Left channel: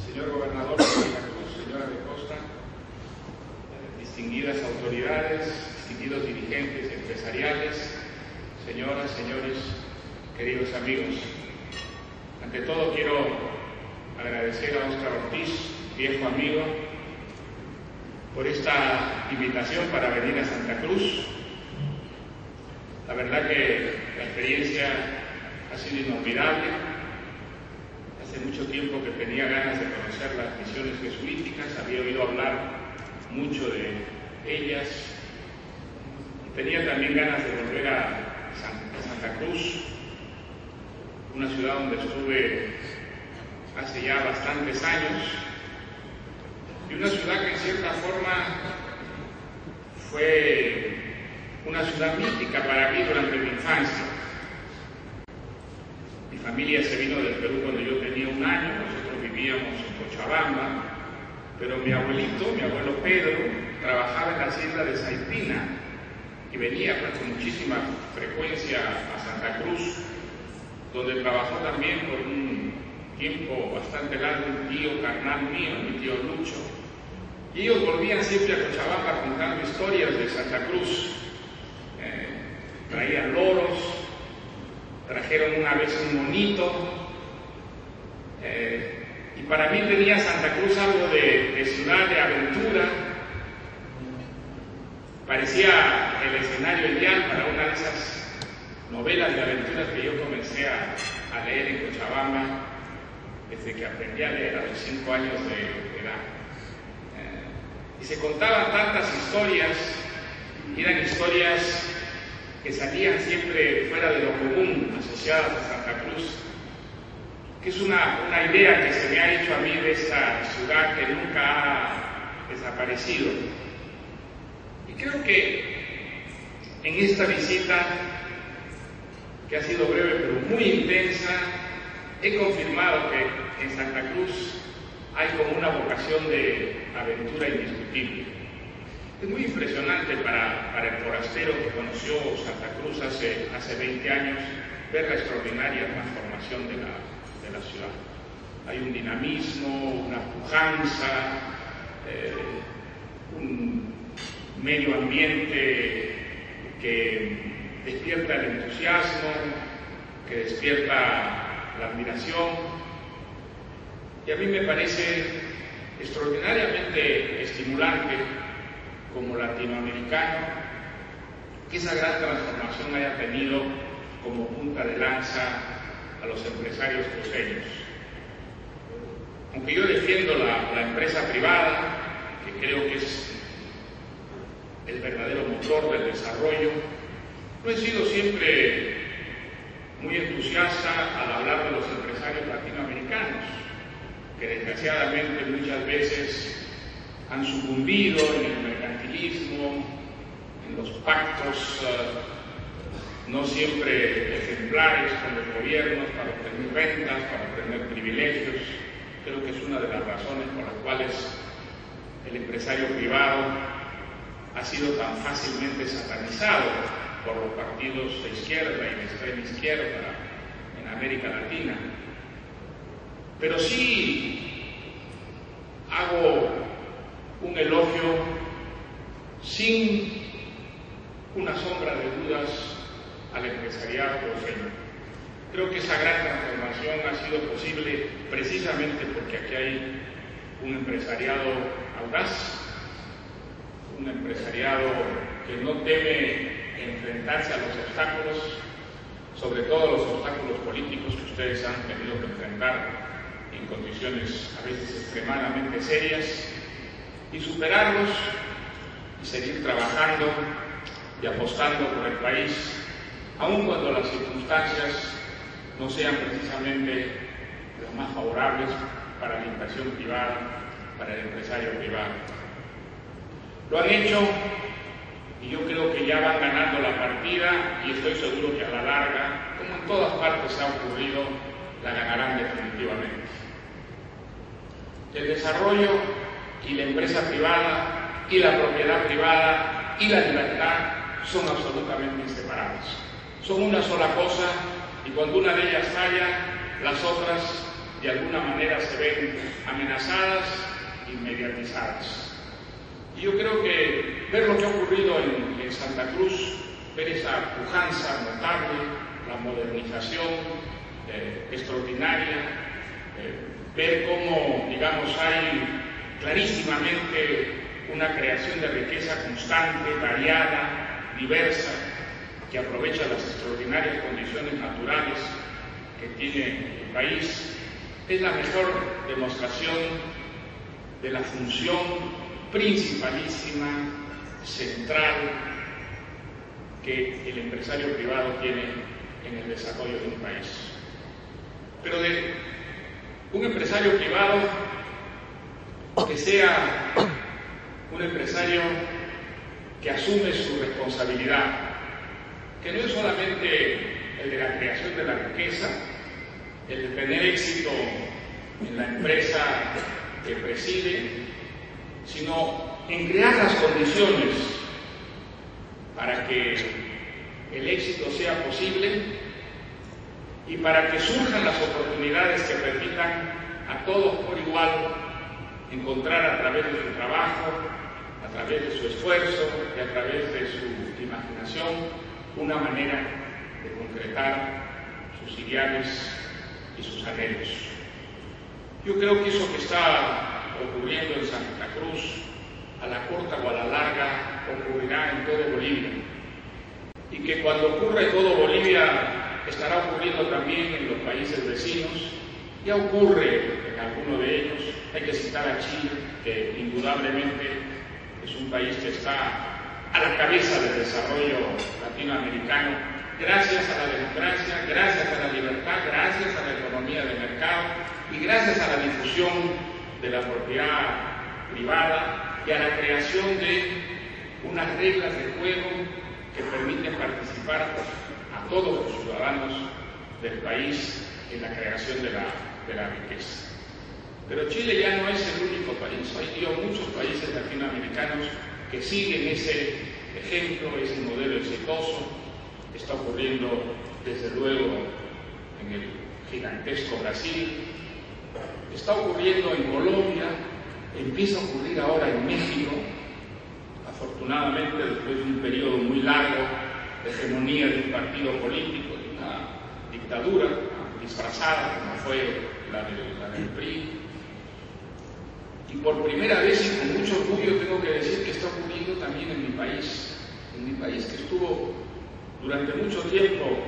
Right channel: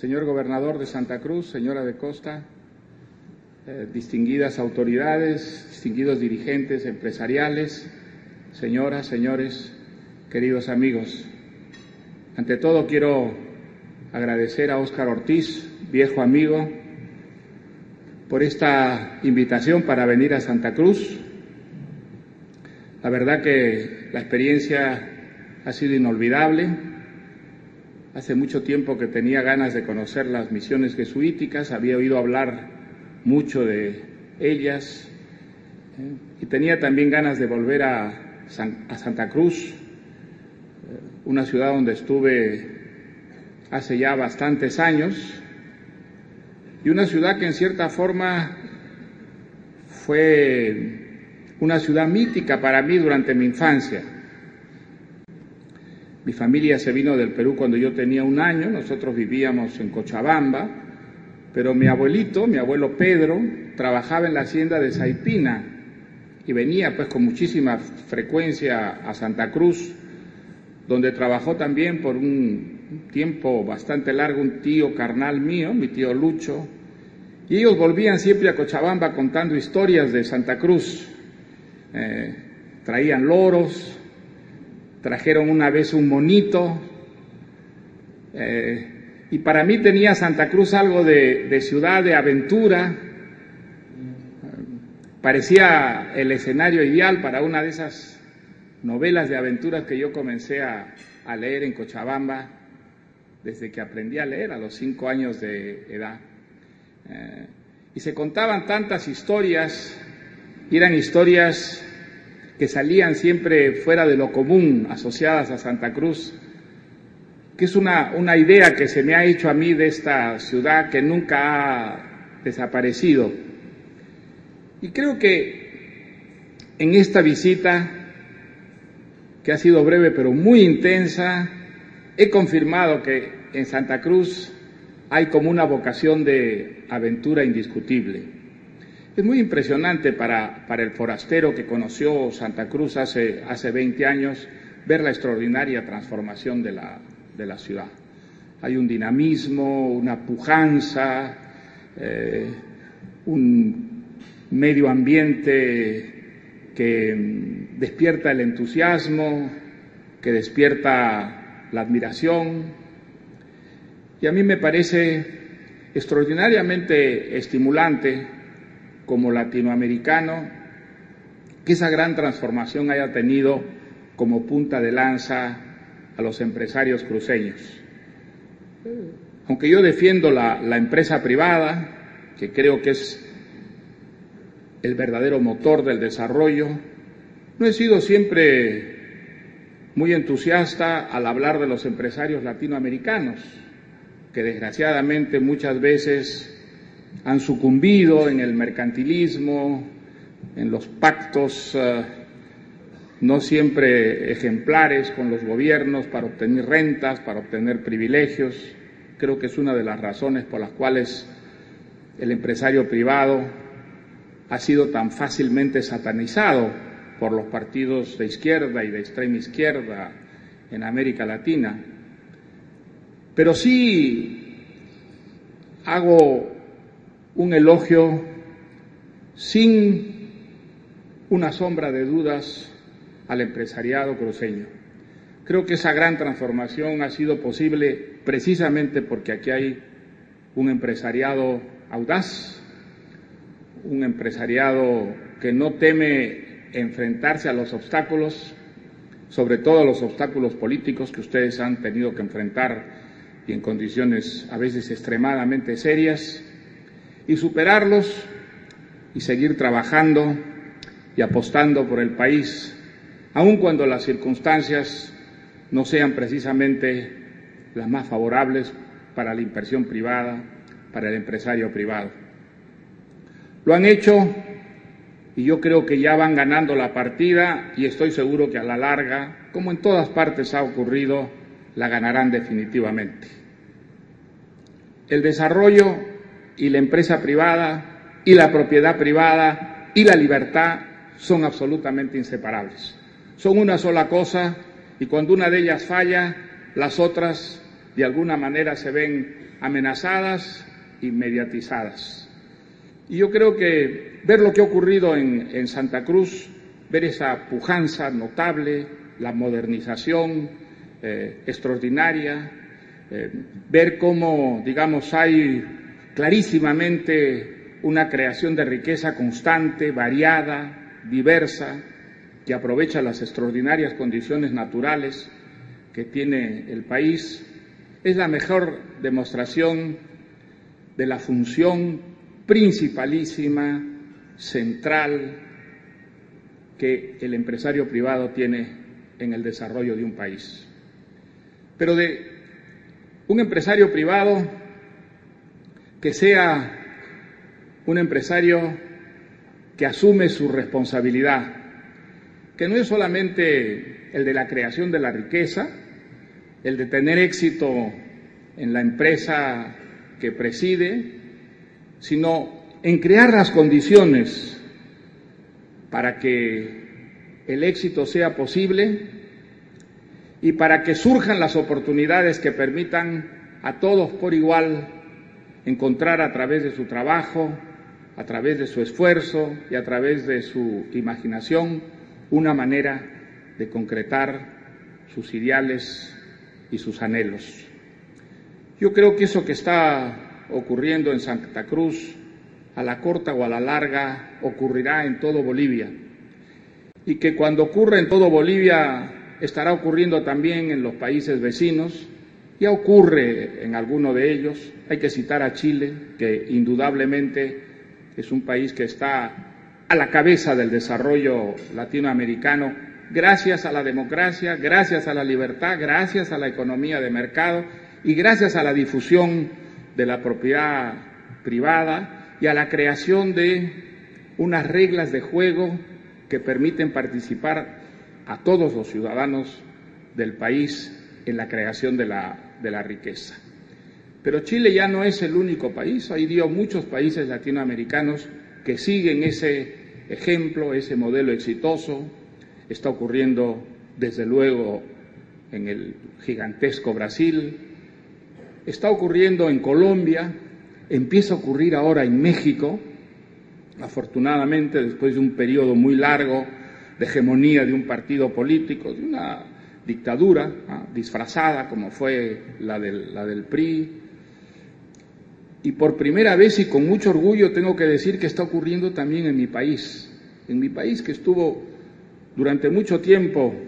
señor gobernador de Santa Cruz, señora de Costa, distinguidas autoridades, distinguidos dirigentes empresariales, señoras, señores, queridos amigos. Ante todo quiero agradecer a Óscar Ortiz, viejo amigo, por esta invitación para venir a Santa Cruz. La verdad que la experiencia ha sido inolvidable. Hace mucho tiempo que tenía ganas de conocer las misiones jesuíticas, había oído hablar mucho de ellas y tenía también ganas de volver a Santa Cruz, una ciudad donde estuve hace ya bastantes años y una ciudad que en cierta forma fue una ciudad mística para mí durante mi infancia. Mi familia se vino del Perú cuando yo tenía 1 año, nosotros vivíamos en Cochabamba, pero mi abuelo Pedro, trabajaba en la hacienda de Saipina y venía pues con muchísima frecuencia a Santa Cruz, donde trabajó también por un tiempo bastante largo un tío carnal mío, mi tío Lucho, y ellos volvían siempre a Cochabamba contando historias de Santa Cruz. Traían loros, trajeron una vez un monito, y para mí tenía Santa Cruz algo de ciudad de aventura. Parecía el escenario ideal para una de esas novelas de aventuras que yo comencé a leer en Cochabamba desde que aprendí a leer a los 5 años de edad. Y se contaban tantas historias, y eran historias que salían siempre fuera de lo común, asociadas a Santa Cruz, que es una idea que se me ha hecho a mí de esta ciudad que nunca ha desaparecido. Y creo que en esta visita, que ha sido breve pero muy intensa, he confirmado que en Santa Cruz hay como una vocación de aventura indiscutible. Es muy impresionante para el forastero que conoció Santa Cruz hace 20 años ver la extraordinaria transformación de la ciudad. Hay un dinamismo, una pujanza, un medio ambiente que despierta el entusiasmo, que despierta la admiración, y a mí me parece extraordinariamente estimulante como latinoamericano que esa gran transformación haya tenido como punta de lanza a los empresarios cruceños. Aunque yo defiendo la empresa privada, que creo que es el verdadero motor del desarrollo, no he sido siempre muy entusiasta al hablar de los empresarios latinoamericanos, que desgraciadamente muchas veces han sucumbido en el mercantilismo, en los pactos no siempre ejemplares con los gobiernos para obtener rentas, para obtener privilegios. Creo que es una de las razones por las cuales el empresario privado ha sido tan fácilmente satanizado por los partidos de izquierda y de extrema izquierda en América Latina. Pero sí hago un elogio sin una sombra de dudas al empresariado cruceño. Creo que esa gran transformación ha sido posible precisamente porque aquí hay un empresariado audaz, un empresariado que no teme enfrentarse a los obstáculos, sobre todo a los obstáculos políticos que ustedes han tenido que enfrentar y en condiciones a veces extremadamente serias, y superarlos y seguir trabajando y apostando por el país, aun cuando las circunstancias no sean precisamente las más favorables para la inversión privada, para el empresario privado. Lo han hecho y yo creo que ya van ganando la partida, y estoy seguro que a la larga, como en todas partes ha ocurrido, la ganarán definitivamente. El desarrollo y la empresa privada y la propiedad privada y la libertad son absolutamente inseparables. Son una sola cosa, y cuando una de ellas falla, las otras de alguna manera se ven amenazadas y mediatizadas. Y yo creo que ver lo que ha ocurrido en Santa Cruz, ver esa pujanza notable, la modernización extraordinaria, ver cómo, digamos, hay clarísimamente una creación de riqueza constante, variada, diversa, que aprovecha las extraordinarias condiciones naturales que tiene el país, es la mejor demostración de la función principalísima, central, que el empresario privado tiene en el desarrollo de un país. Pero de un empresario privado que sea un empresario que asume su responsabilidad, que no es solamente el de la creación de la riqueza, el de tener éxito en la empresa que preside, sino en crear las condiciones para que el éxito sea posible y para que surjan las oportunidades que permitan a todos por igual encontrar a través de su trabajo, a través de su esfuerzo y a través de su imaginación una manera de concretar sus ideales y sus anhelos. Yo creo que eso que está ocurriendo en Santa Cruz, a la corta o a la larga, ocurrirá en todo Bolivia. Y que cuando ocurra en todo Bolivia, estará ocurriendo también en los países vecinos. Ya ocurre en alguno de ellos. Hay que citar a Chile, que indudablemente es un país que está a la cabeza del desarrollo latinoamericano, gracias a la democracia, gracias a la libertad, gracias a la economía de mercado y gracias a la difusión de la propiedad privada y a la creación de unas reglas de juego que permiten participar a todos los ciudadanos del país en la creación de la riqueza. Pero Chile ya no es el único país, hay muchos países latinoamericanos que siguen ese ejemplo, ese modelo exitoso. Está ocurriendo desde luego en el gigantesco Brasil, está ocurriendo en Colombia, empieza a ocurrir ahora en México, afortunadamente después de un periodo muy largo de hegemonía de un partido político, de una dictadura disfrazada como fue la del PRI. Y por primera vez y con mucho orgullo tengo que decir que está ocurriendo también en mi país que estuvo durante mucho tiempo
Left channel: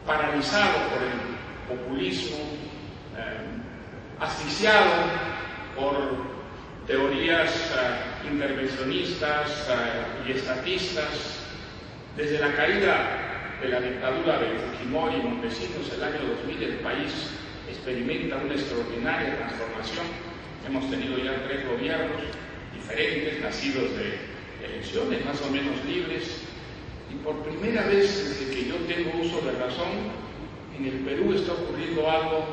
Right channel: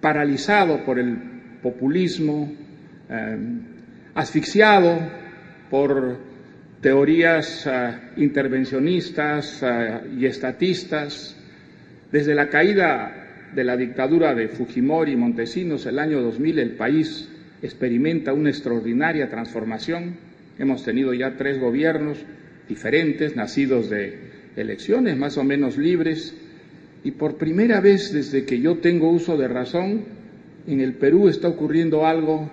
paralizado por el populismo, asfixiado por teorías intervencionistas y estatistas. Desde la caída de la dictadura de Fujimori y Montesinos el año 2000, el país experimenta una extraordinaria transformación. Hemos tenido ya 3 gobiernos diferentes, nacidos de elecciones más o menos libres, y por primera vez desde que yo tengo uso de razón, en el Perú está ocurriendo algo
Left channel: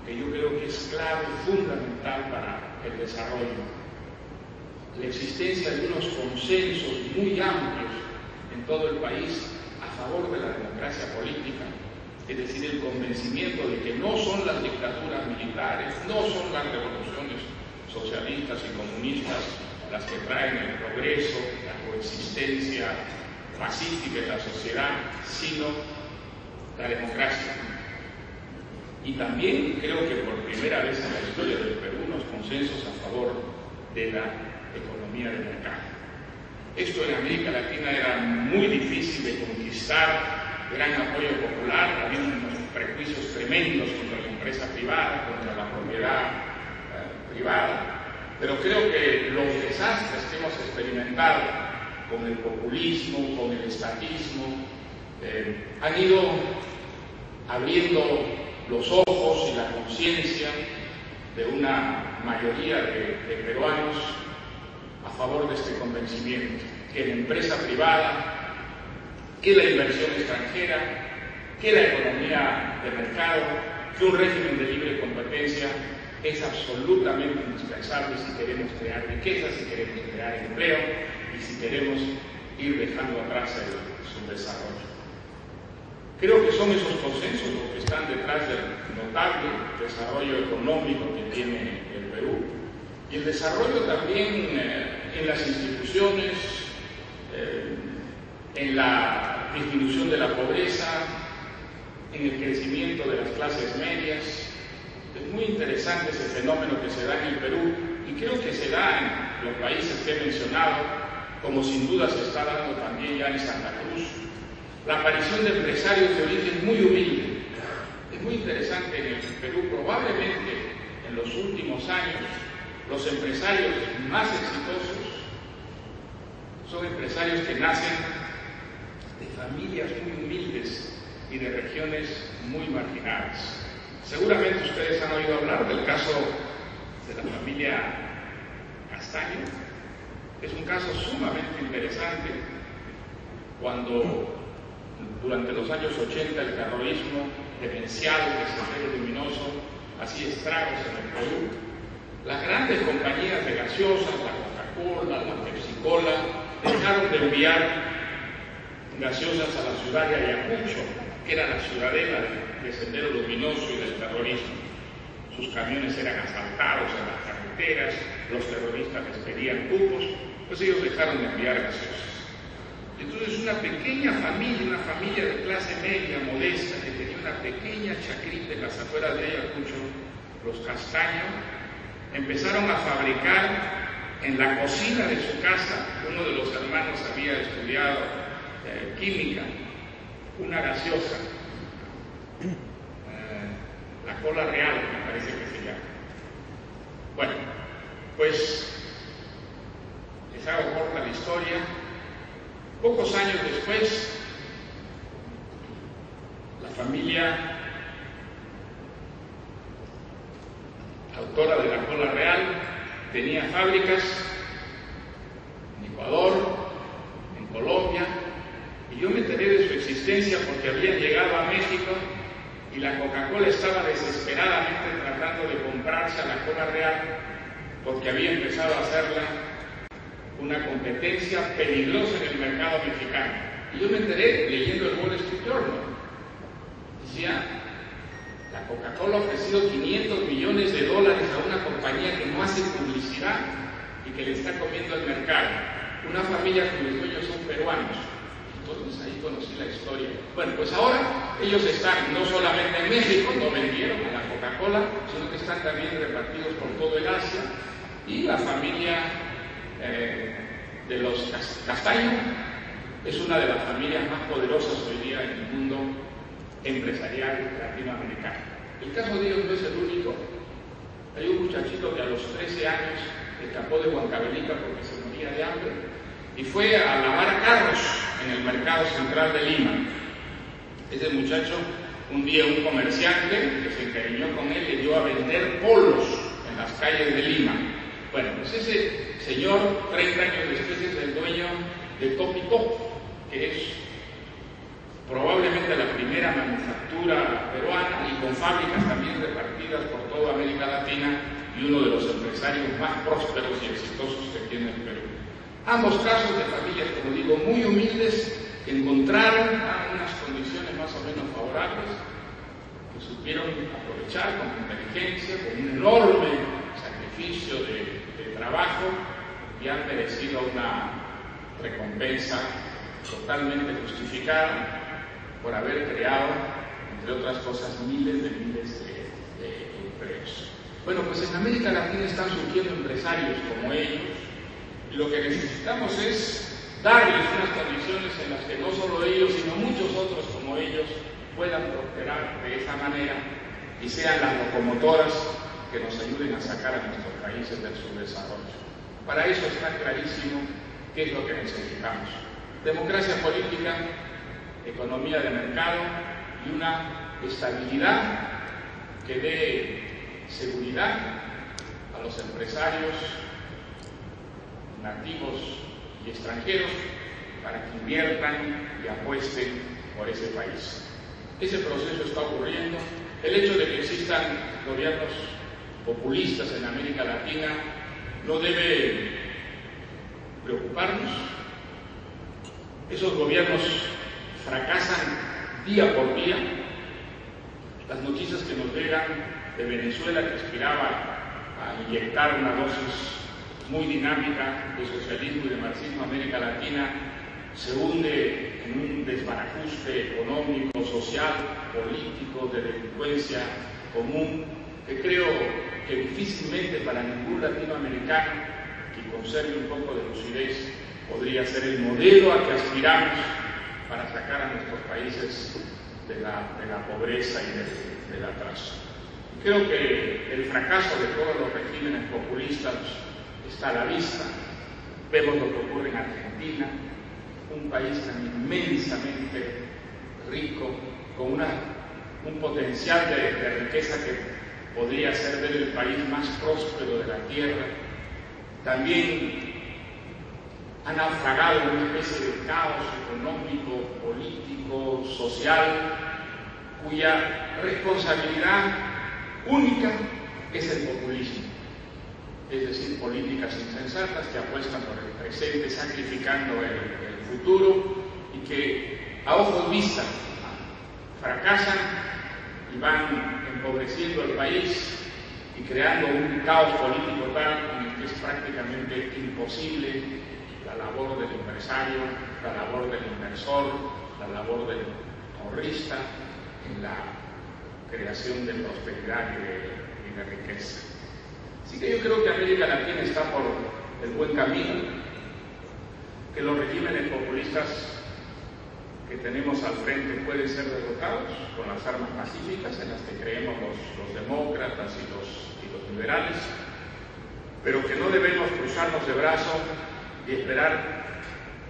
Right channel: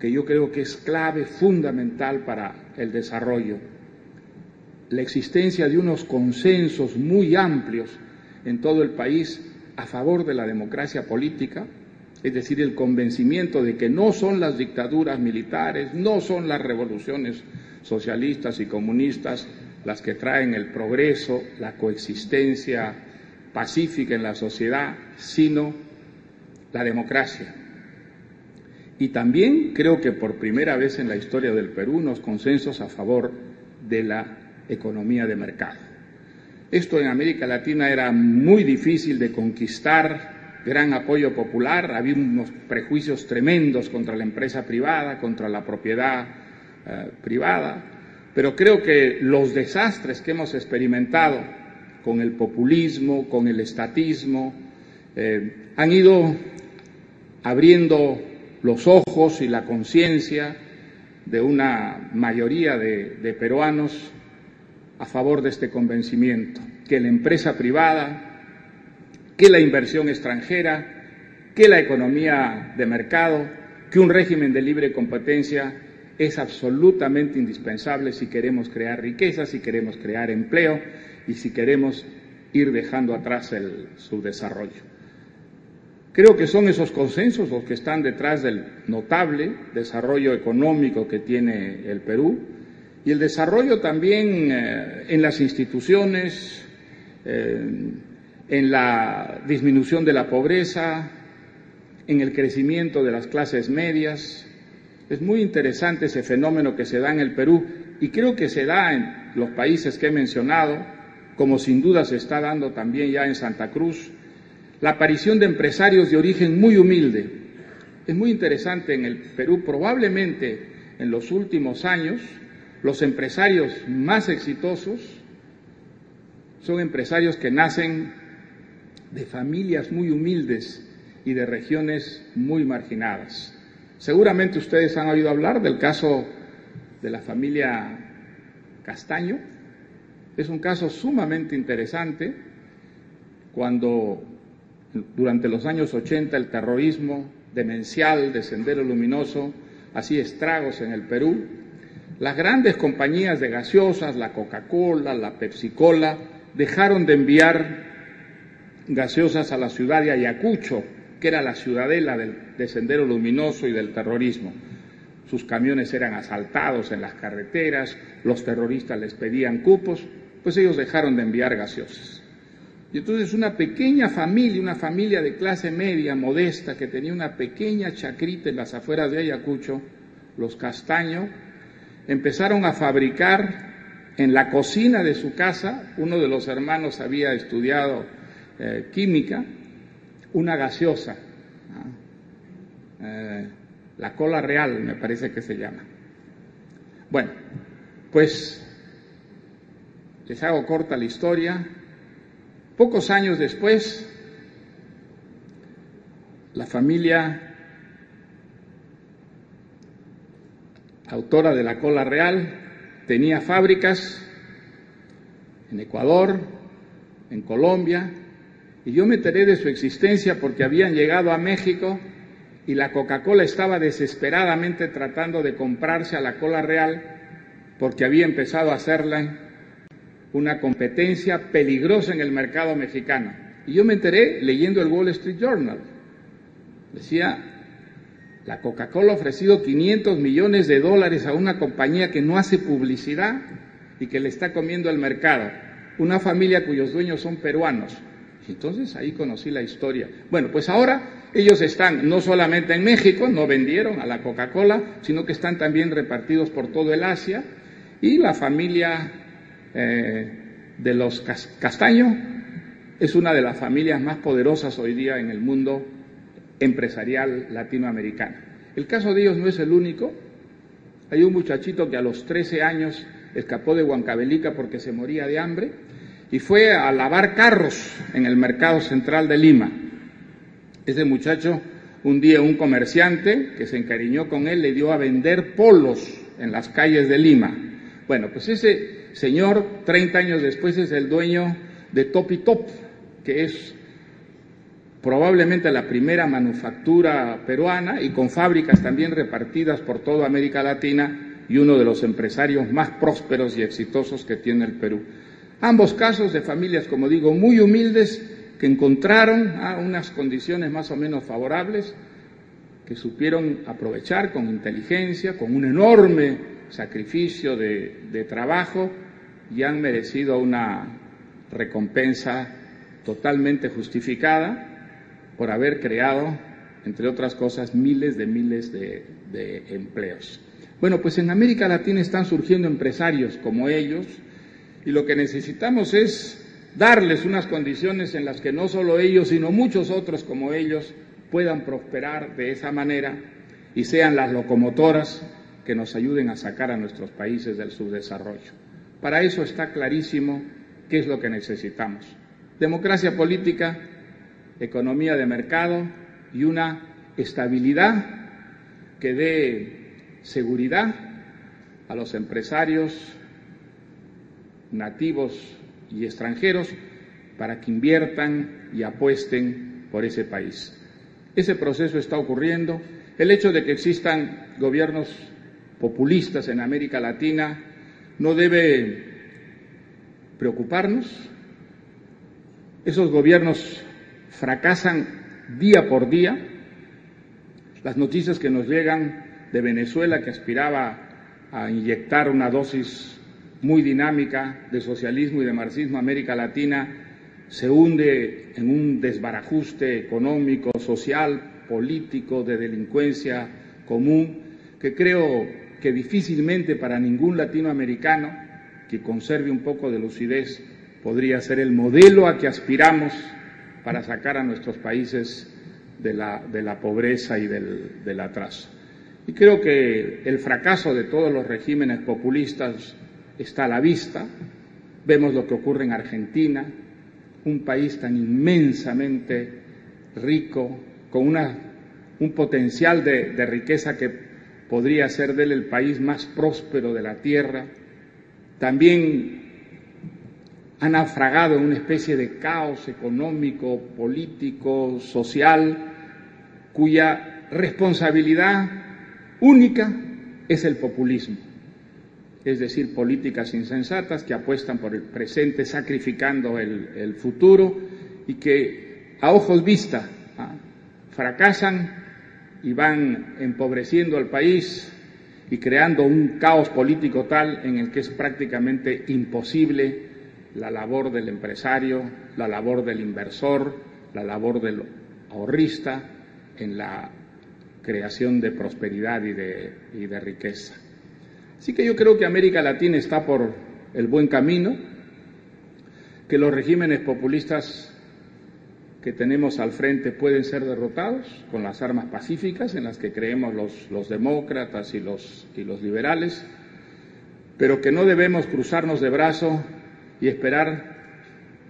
que yo creo que es clave, fundamental para el desarrollo. La existencia de unos consensos muy amplios en todo el país a favor de la democracia política, es decir, el convencimiento de que no son las dictaduras militares, no son las revoluciones socialistas y comunistas las que traen el progreso, la coexistencia pacífica en la sociedad, sino la democracia. Y también creo que por primera vez en la historia del Perú unos consensos a favor de la economía de mercado. Esto en América Latina era muy difícil de conquistar, gran apoyo popular, había unos prejuicios tremendos contra la empresa privada, contra la propiedad privada, pero creo que los desastres que hemos experimentado con el populismo, con el estatismo, han ido abriendo los ojos y la conciencia de una mayoría de peruanos a favor de este convencimiento, que la empresa privada, que la inversión extranjera, que la economía de mercado, que un régimen de libre competencia es absolutamente indispensable si queremos crear riqueza, si queremos crear empleo y si queremos ir dejando atrás su desarrollo. Creo que son esos consensos los que están detrás del notable desarrollo económico que tiene el Perú y el desarrollo también en las instituciones, en la disminución de la pobreza, en el crecimiento de las clases medias. Es muy interesante ese fenómeno que se da en el Perú y creo que se da en los países que he mencionado, como sin duda se está dando también ya en Santa Cruz, la aparición de empresarios de origen muy humilde. Es muy interesante en el Perú, probablemente en los últimos años, los empresarios más exitosos son empresarios que nacen de familias muy humildes y de regiones muy marginadas. Seguramente ustedes han oído hablar del caso de la familia Castaño. Es un caso sumamente interesante cuando durante los años 80 el terrorismo demencial de Sendero Luminoso hacía estragos en el Perú. Las grandes compañías de gaseosas, la Coca-Cola, la Pepsi-Cola, dejaron de enviar gaseosas a la ciudad de Ayacucho, que era la ciudadela de Sendero Luminoso y del terrorismo. Sus camiones eran asaltados en las carreteras, los terroristas les pedían cupos, pues ellos dejaron de enviar gaseosas. Y entonces una pequeña familia, una familia de clase media, modesta, que tenía una pequeña chacrita en las afueras de Ayacucho, los Castaño, empezaron a fabricar en la cocina de su casa. Uno de los hermanos había estudiado química, una gaseosa, la Cola Real, me parece que se llama. Bueno, pues les hago corta la historia. Pocos años después, la familia autora de la Cola Real tenía fábricas en Ecuador, en Colombia, y yo me enteré de su existencia porque habían llegado a México y la Coca-Cola estaba desesperadamente tratando de comprarse a la Cola Real porque había empezado a hacerla una competencia peligrosa en el mercado mexicano. Y yo me enteré leyendo el Wall Street Journal. Decía, la Coca-Cola ha ofrecido $500 millones a una compañía que no hace publicidad y que le está comiendo el mercado. Una familia cuyos dueños son peruanos. Entonces ahí conocí la historia. Bueno, pues ahora ellos están no solamente en México, no vendieron a la Coca-Cola, sino que están también repartidos por todo el Asia. Y la familia de los Castaño es una de las familias más poderosas hoy día en el mundo empresarial latinoamericano. El caso de ellos no es el único. Hay un muchachito que a los 13 años escapó de Huancavelica porque se moría de hambre y fue a lavar carros en el mercado central de Lima. Ese muchacho, un día un comerciante que se encariñó con él le dio a vender polos en las calles de Lima. Bueno, pues ese señor, 30 años después, es el dueño de Top y Top, que es probablemente la primera manufactura peruana y con fábricas también repartidas por toda América Latina y uno de los empresarios más prósperos y exitosos que tiene el Perú. Ambos casos de familias, como digo, muy humildes, que encontraron unas condiciones más o menos favorables, que supieron aprovechar con inteligencia, con un enorme sacrificio de trabajo, y han merecido una recompensa totalmente justificada por haber creado, entre otras cosas, miles de empleos. Bueno, pues en América Latina están surgiendo empresarios como ellos, y lo que necesitamos es darles unas condiciones en las que no solo ellos, sino muchos otros como ellos puedan prosperar de esa manera y sean las locomotoras que nos ayuden a sacar a nuestros países del subdesarrollo. Para eso está clarísimo qué es lo que necesitamos: democracia política, economía de mercado y una estabilidad que dé seguridad a los empresarios nativos y extranjeros para que inviertan y apuesten por ese país. Ese proceso está ocurriendo. El hecho de que existan gobiernos populistas en América Latina no debe preocuparnos. Esos gobiernos fracasan día por día Las noticias que nos llegan de Venezuela, que aspiraba a inyectar una dosis muy dinámica de socialismo y de marxismo a América Latina, se hunde en un desbarajuste económico, social, político, de delincuencia común, que creo que difícilmente para ningún latinoamericano que conserve un poco de lucidez podría ser el modelo a que aspiramos para sacar a nuestros países de la pobreza y del atraso. Y creo que el fracaso de todos los regímenes populistas está a la vista. Vemos lo que ocurre en Argentina, un país tan inmensamente rico, con un potencial de riqueza que podría ser de él el país más próspero de la tierra. También ha naufragado en una especie de caos económico, político, social, cuya responsabilidad única es el populismo, es decir, políticas insensatas que apuestan por el presente sacrificando el futuro y que a ojos vistas fracasan y van empobreciendo el país y creando un caos político tal en el que es prácticamente imposible la labor del empresario, la labor del inversor, la labor del ahorrista en la creación de prosperidad y de riqueza. Así que yo creo que América Latina está por el buen camino, que los regímenes populistas que tenemos al frente pueden ser derrotados con las armas pacíficas en las que creemos los demócratas y los liberales, pero que no debemos cruzarnos de brazos y esperar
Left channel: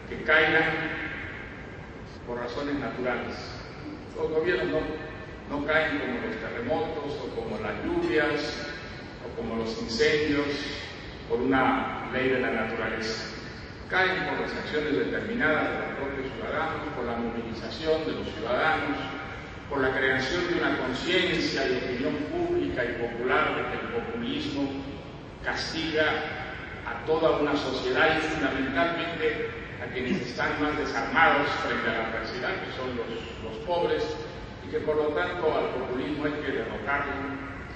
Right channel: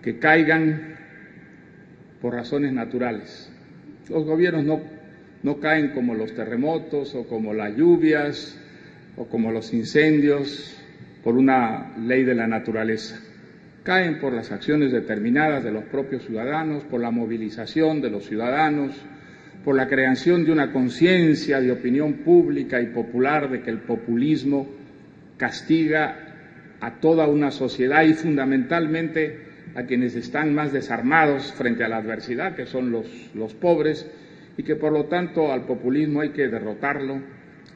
que caigan por razones naturales. Los gobiernos no caen como los terremotos o como las lluvias o como los incendios por una ley de la naturaleza. Caen por las acciones determinadas de los propios ciudadanos, por la movilización de los ciudadanos, por la creación de una conciencia y opinión pública y popular de que el populismo castiga a toda una sociedad y fundamentalmente a quienes están más desarmados frente a la adversidad, que son los pobres, y que por lo tanto al populismo hay que derrotarlo,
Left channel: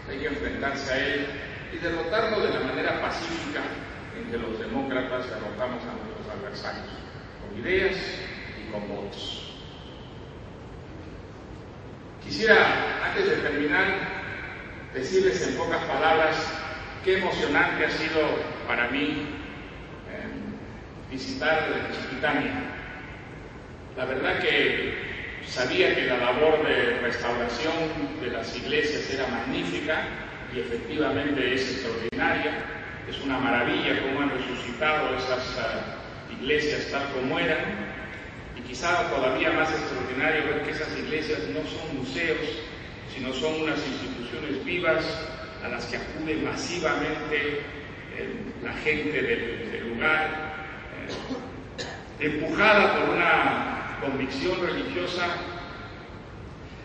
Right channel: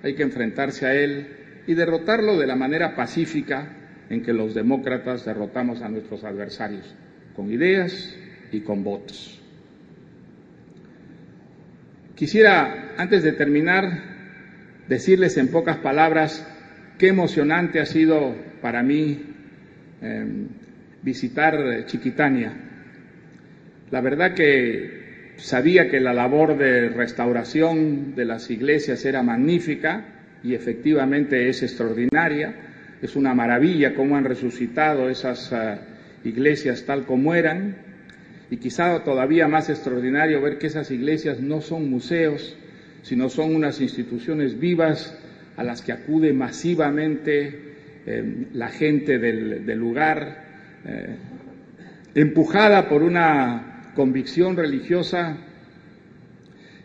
hay que enfrentarse a él y derrotarlo de la manera pacífica en que los demócratas derrotamos a nuestros adversarios, con ideas y con votos. Quisiera, antes de terminar, decirles en pocas palabras qué emocionante ha sido para mí visitar Chiquitania. La verdad que sabía que la labor de restauración de las iglesias era magnífica y efectivamente es extraordinaria. Es una maravilla cómo han resucitado esas iglesias tal como eran, y quizá todavía más extraordinario ver que esas iglesias no son museos, sino son unas instituciones vivas a las que acude masivamente la gente del lugar, empujada por una convicción religiosa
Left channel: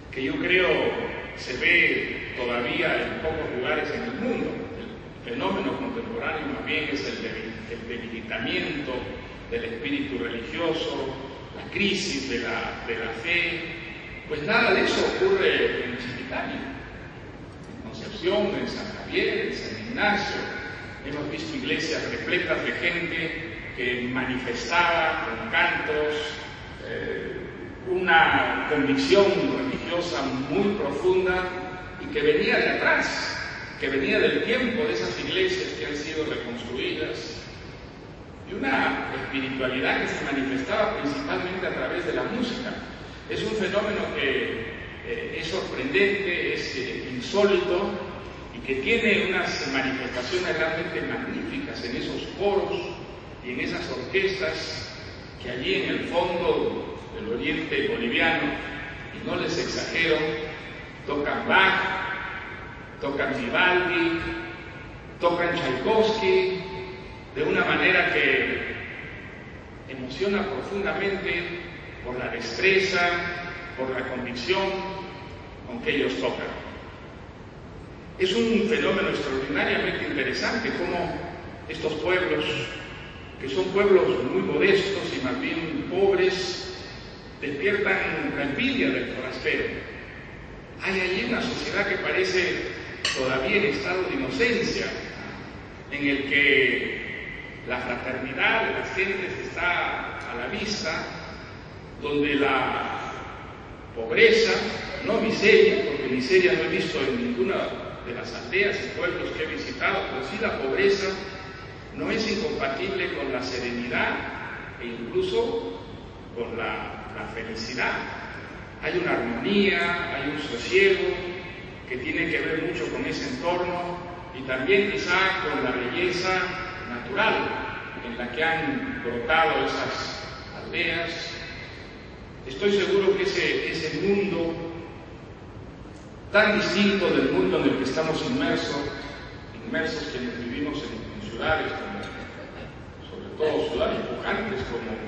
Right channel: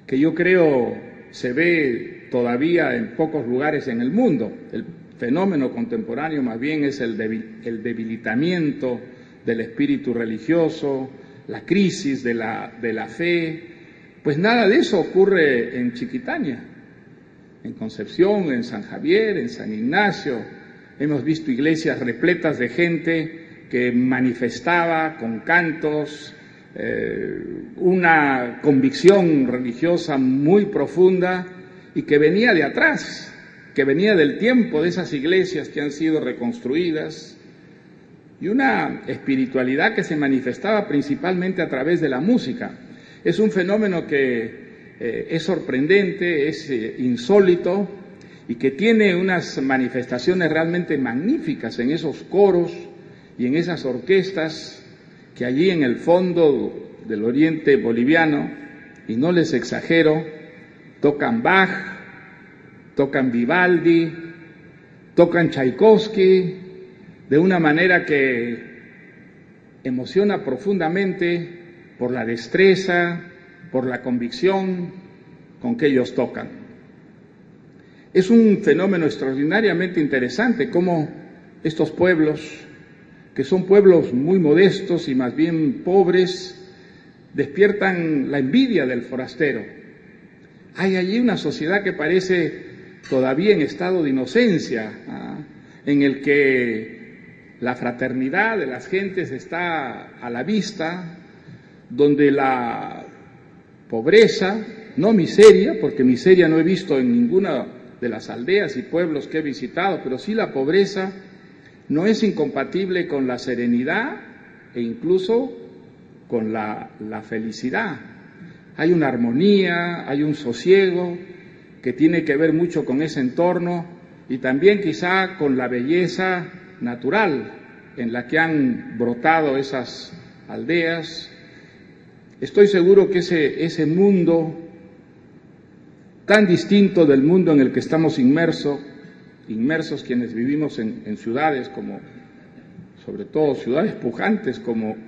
que yo creo se ve todavía en pocos lugares en el mundo. El fenómeno contemporáneo más bien es el debilitamiento del espíritu religioso, la crisis de la fe. Pues nada de eso ocurre en Chiquitania. En Concepción, en San Javier, en San Ignacio, hemos visto iglesias repletas de gente que manifestaba con cantos una convicción religiosa muy profunda y que venía de atrás, que venía del tiempo de esas iglesias que han sido reconstruidas, y una espiritualidad que se manifestaba principalmente a través de la música. Es un fenómeno que es sorprendente, es insólito y que tiene unas manifestaciones realmente magníficas en esos coros y en esas orquestas que allí en el fondo del oriente boliviano, y no les exagero, tocan Bach, tocan Vivaldi, tocan Tchaikovsky, de una manera que emociona profundamente por la destreza, por la convicción con que ellos tocan. Es un fenómeno extraordinariamente interesante cómo estos pueblos, que son pueblos muy modestos y más bien pobres, despiertan la envidia del forastero. Hay allí una sociedad que parece todavía en estado de inocencia, en el que la fraternidad de las gentes está a la vista, donde la pobreza, no miseria, porque miseria no he visto en ninguna de las aldeas y pueblos que he visitado, pero sí la pobreza no es incompatible con la serenidad e incluso con la felicidad. Hay una armonía, hay un sosiego que tiene que ver mucho con ese entorno y también quizá con la belleza natural en la que han brotado esas aldeas. Estoy seguro que ese mundo tan distinto del mundo en el que estamos inmersos quienes vivimos en ciudades sobre todo ciudades pujantes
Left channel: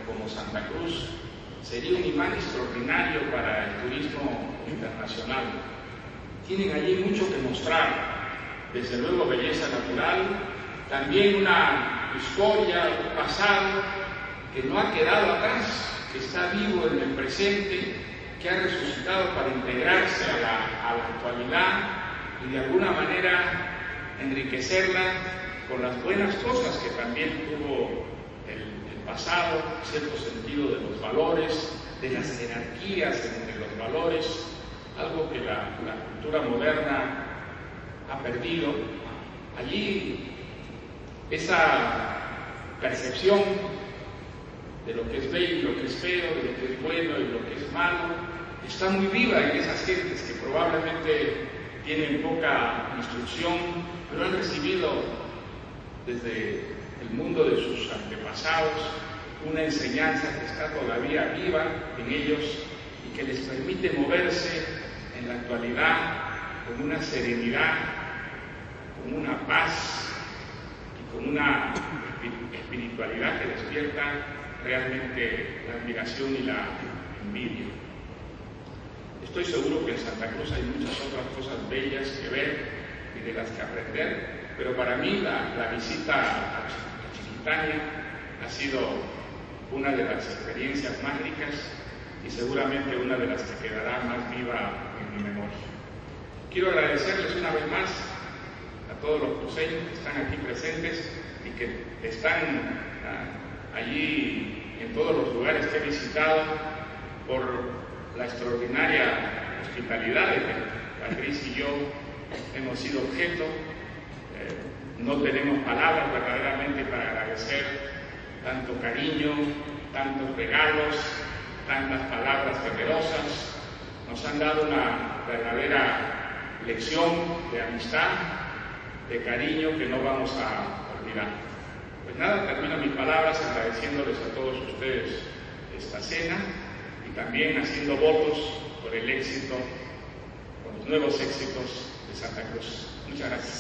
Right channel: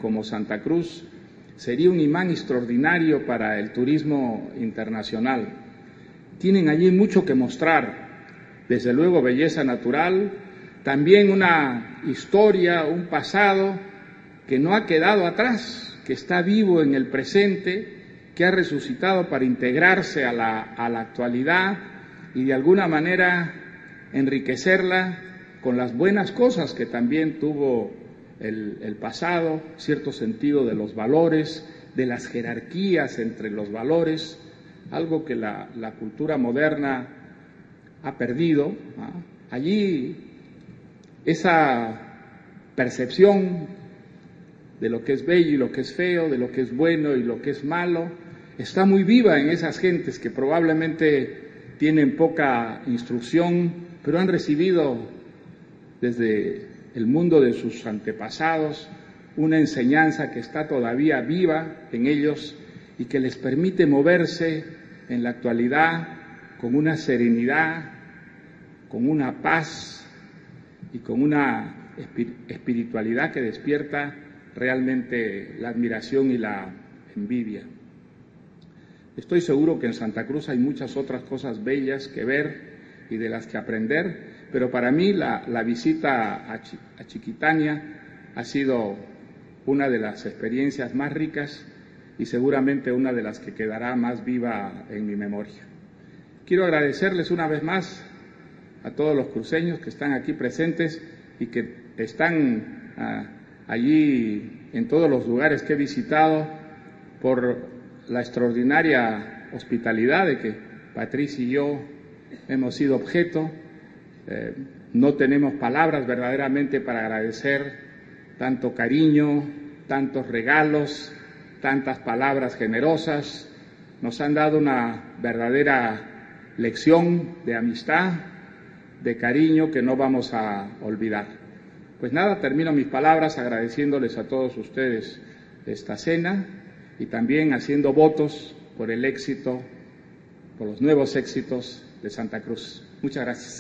como Santa Cruz, sería un imán extraordinario para el turismo internacional. Tienen allí mucho que mostrar, desde luego belleza natural, también una historia, un pasado que no ha quedado atrás, que está vivo en el presente, que ha resucitado para integrarse a la actualidad y de alguna manera enriquecerla con las buenas cosas que también tuvo el pasado, cierto sentido de los valores, de las jerarquías entre los valores, algo que la cultura moderna ha perdido, ¿no? Allí esa percepción de lo que es bello y lo que es feo, de lo que es bueno y lo que es malo, está muy viva en esas gentes que probablemente tienen poca instrucción, pero han recibido desde el mundo de sus antepasados una enseñanza que está todavía viva en ellos y que les permite moverse en la actualidad con una serenidad, con una paz y con una espiritualidad que despierta realmente la admiración y la envidia. Estoy seguro que en Santa Cruz hay muchas otras cosas bellas que ver y de las que aprender, pero para mí la visita a Chiquitaña ha sido una de las experiencias más ricas y seguramente una de las que quedará más viva en mi memoria. Quiero agradecerles una vez más a todos los cruceños que están aquí presentes y que están allí en todos los lugares que he visitado por la extraordinaria hospitalidad de que Patricia y yo hemos sido objeto. No tenemos palabras verdaderamente para agradecer tanto cariño, tantos regalos, tantas palabras generosas. Nos han dado una verdadera lección de amistad, de cariño que no vamos a olvidar. Pues nada, termino mis palabras agradeciéndoles a todos ustedes esta cena y también haciendo votos por el éxito, por los nuevos éxitos de Santa Cruz. Muchas gracias.